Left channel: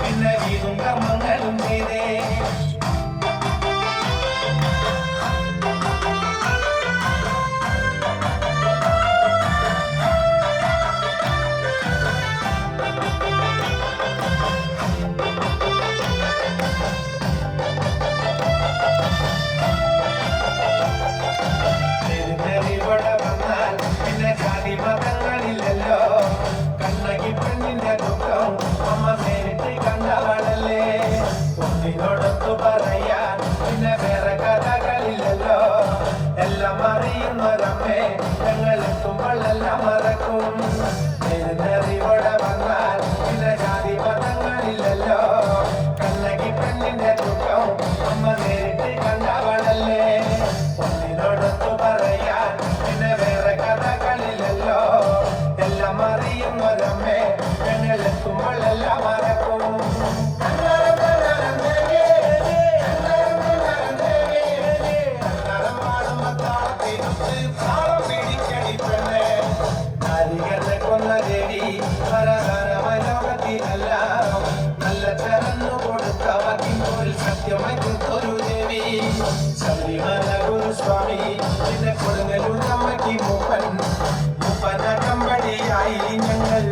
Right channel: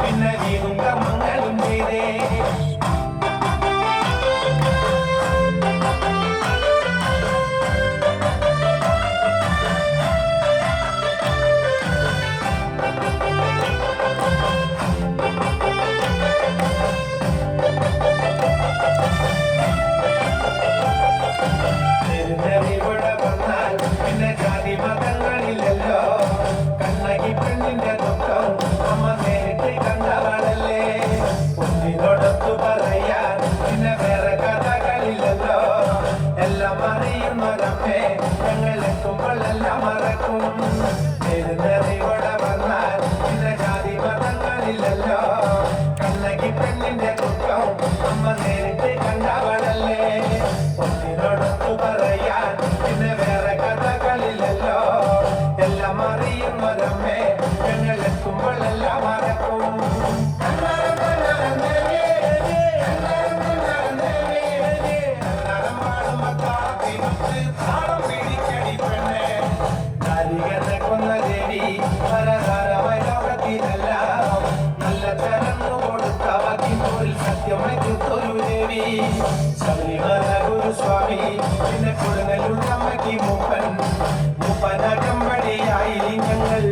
പിന്നെ വീണും കമ്മങ്ങളും ചെയ്തേ കണ്ണകി പെണ്ണിന്റെ ദുഃഖം അമ്മ നേരിട്ട് കണ്ടാളല്ലേ കുഞ്ഞിനോടൊത്തു പറയാൻ പിന്നെ വേറെ കഥകളില്ലല്ലോ എല്ലാം അറിയുന്നവരമ്മേ ഞങ്ങളെത്തുമ്പോഴെല്ലാം മറക്കും എഴുന്നേറിവിടെ വന്നാൽ പിന്നെ ജാതി മതങ്ങളില്ലല്ലോ കണ്ണകി പെണ്ണിന്റെ ദുഃഖം അമ്മ നേരിട്ട് കണ്ടാളല്ലേ കുഞ്ഞിനോടൊത്തു പറയാൻ പിന്നെ വേറെ കഥകളില്ലല്ലോ എല്ലാം അറിയുന്നവരമ്മേ ഞങ്ങളെത്തുമ്പോഴെല്ലാം മറക്കും കൊന്ന ദേവി ലോകത്തിലല്ല നല്ല തരന്നു കൊടുത്തവർക്ക് ഒരു സത്യമെടുത്തൊരു ദേവി ശബരിമല ഗുരുസ്വാമി പിന്നെ കൊടുങ്ങല്ലൂർ അമ്മയ്ക്ക് മൂപ്പൻ മൂപ്പനകമ്പടിയായി ഞങ്ങൾ